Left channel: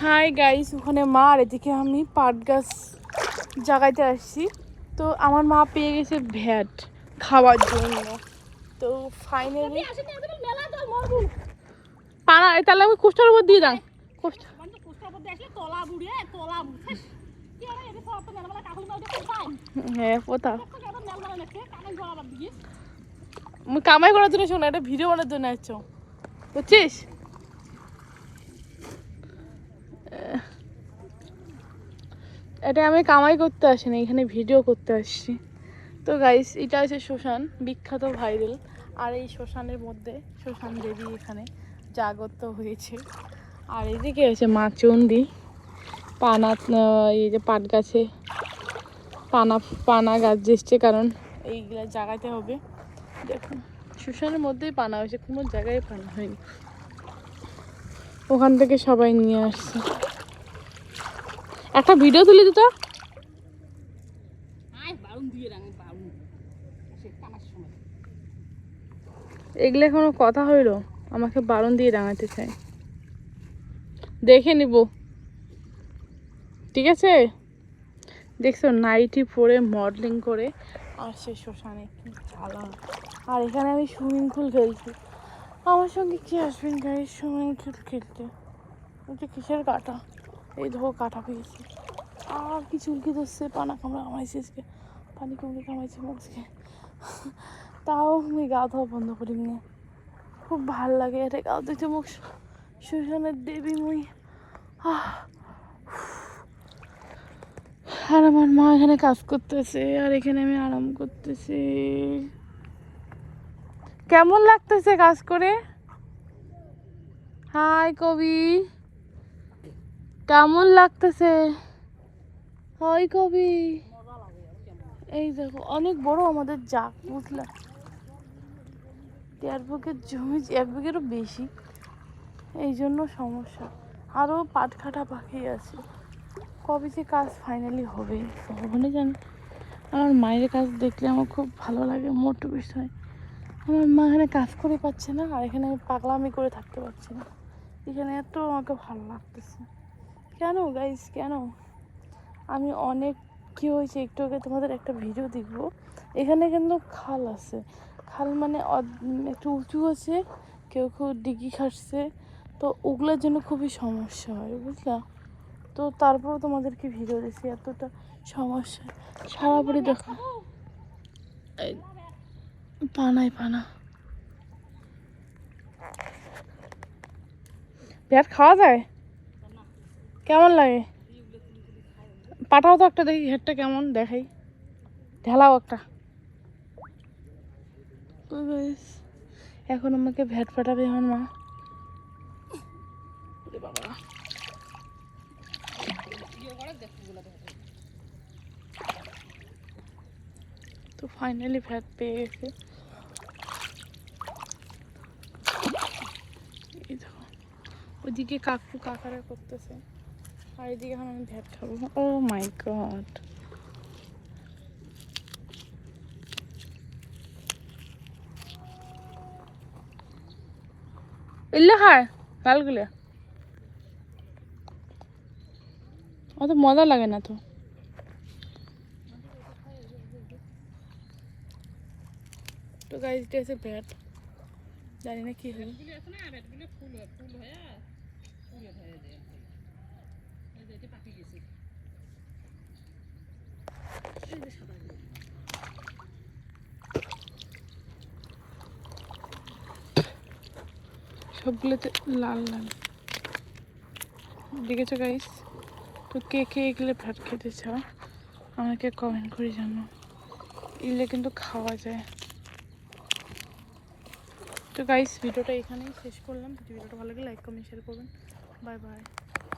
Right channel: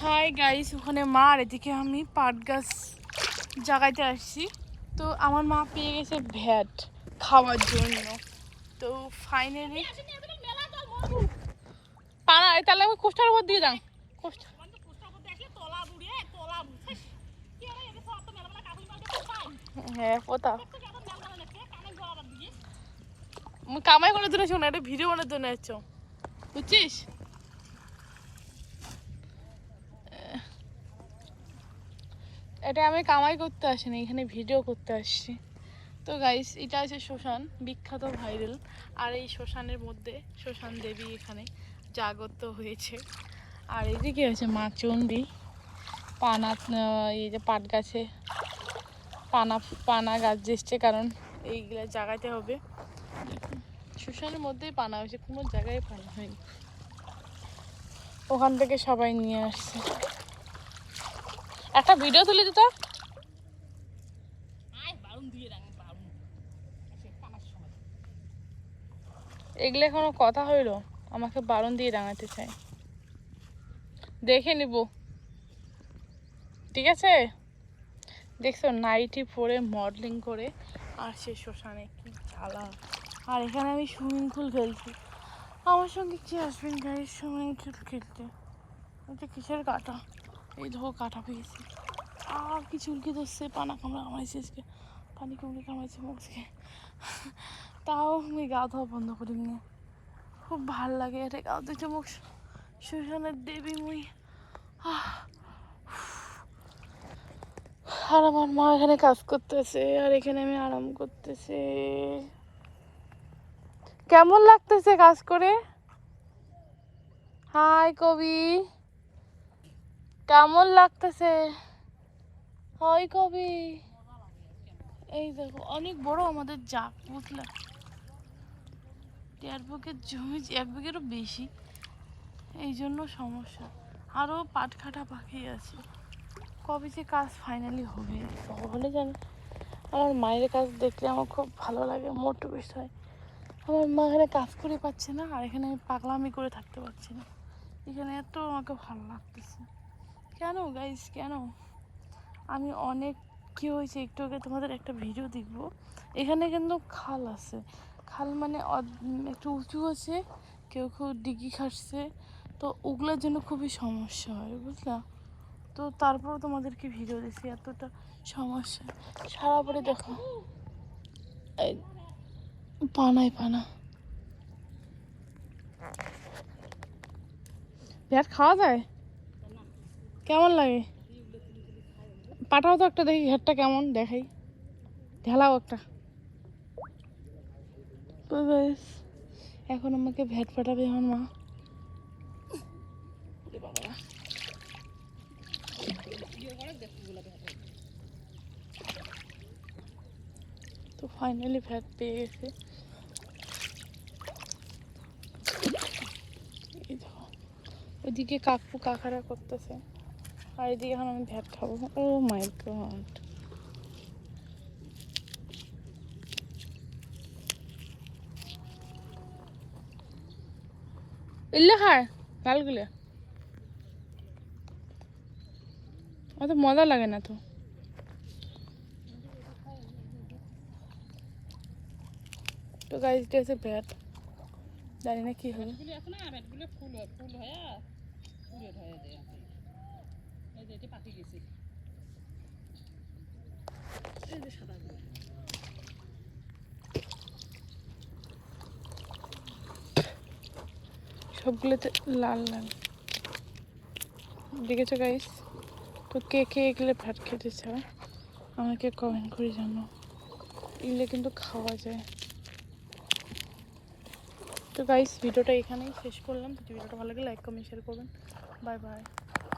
Hi guys, ওখানে মা আর এদিকে আমি পাট গাছ জাগাইতে আসছি। তো আমার মা পেয়ে গেছে ভ্যাট খাওয়ার জন্য। তো ফাইনালি পানা তাহলে আমি কুষ্টার উপর দিয়ে যান। হ্যাঁ কোথাও কামাই করার জন্য শোনা, এটা ভিডিও বানার জন্য আসছো বুঝছিস। এটা আমি কামাই করতে আসিনি, এখানে ভিডিও করতে আসছি। তো গাইস, এটা হচ্ছে শ্মশান, বিখ্যাত ভাইরাল। আর এই শ্মশানের মধ্যে শ্মশান দেবী এখানে জাগত হয়েছে। আর এই যে কি হয়েছে মা চণ্ডী পানা, এই যে পাট গাছে পানা গাছ যেসছে, কারণ এইগুলা জাগাতে হবে। দেখুন শ্মশানের মধ্যেই পানা হয়েছে, কোনো জায়গায় পানা হয়নি। ওখান থেকে সবাই নিয়ে আসছে। একটা ভিডিও তুলে দিত। এগুলো কোনো কথা হইল? আমাকে বারণ দিয়ে রাঙাতে চাই, দেখে নিব ঠিক আছে। দেখছো নাইটি পরে মডেলিং করে আর সে শ্মশানে কি জ্বালা। আর এখানে আমি সুইমিং পুল খেলছি, আমার সঙ্গে কি আসবেন গাইস সুইমিং পুল খেলতে? ওইটা কিসের কাঁটা, এই ধো কাঁটা পেয়েছি। আর কি চুলকি ধরছে, পানা কামড়া কামাইছে, পানি কামড়ে কামাইছে মুখকে। তাও আমি গা ধোয়া বন্ধ করি না, খুব ভাল লাগে এটা গা ধুতে। মুখ শ্মশানের দেবী মুই। আর আমার মা এখানে কাজ করতেছে আর এখানে আমি আরাম করতেছি। কেমন লাগতেছে কাজ করে? হাই কবি, কেমন লাগতেছে? হাই কবি, এই দেখো অনেক বড় আমাদের জাগ, বুঝলা? 1.5 বিঘের জমি, 1 বিঘেরও বেশি, এই জন্য সমস্যা। আরও পাট কাটা বাকি আছে, কবে যে কাজ ফাইনালি হবে ভগবানই জানে। আমার মায়ের কাজ দেখলে আমার খুব ভালো লাগে, মোটু বিষয়। আমার মা এখানে কাজ করে পাচ্ছে না, আর এখানে আমি পাগলামি করে থাকতে পারছি না। এখানে এত আমাকে ভালো লাগতেছে। কেন গাইস, কেন? আমি অনেক কী হয়েছে একটু আগে তোমাদের একটা ভিডিও দেখবো, এখানে কিন্তু খাল আছে। খাল মানে একটু উঁচু আছে, কেউ কেউ ডিগি খাটছে, তো ওগুলোর জন্য খুবই সমস্যা হয়, বুঝলা? তো তারপরেও তোমাদেরকে ভিডিও দিচ্ছি, এতটা সমস্যা। সারা বাড়ি দেখো পানায় পানা। ভ্যাট খাওয়া যায়? কেমন লাগে? পাঠাও তো একটা দেখি, ঘ্যাটটা কেমন দেখাই, ঢেলাও একটা। তো গাইস, এখন আমাকে ভ্যাট পাঠাবে আমার মা। তো ফাইনালি ভ্যাট পেয়ে গেছে। এই দেখো ওইদিকে কাকু কাকারা করতেছে, আর এদিকে এখন আমি ভ্যাট খাবো। ও মাই গড, এলে খায় লালগুলো, অত মজা লাগে না তো। তো গাইস, এটা হচ্ছে ভ্যাট, জানি না কি হবে। সবগুলোতে লাল লাল দেখেছো গাইস? তো কে কে এগুলো ভাত খেতে চাও আমাকে কমেন্ট করে জানো, এগুলো কিন্তু খাওয়া যায়। তো গাইস, ভিডিওটা এখানেই শেষ করলাম। যদি ভিডিওটা ভালো লাগে লাইক কমেন্ট শেয়ার করবেন। Bye bye.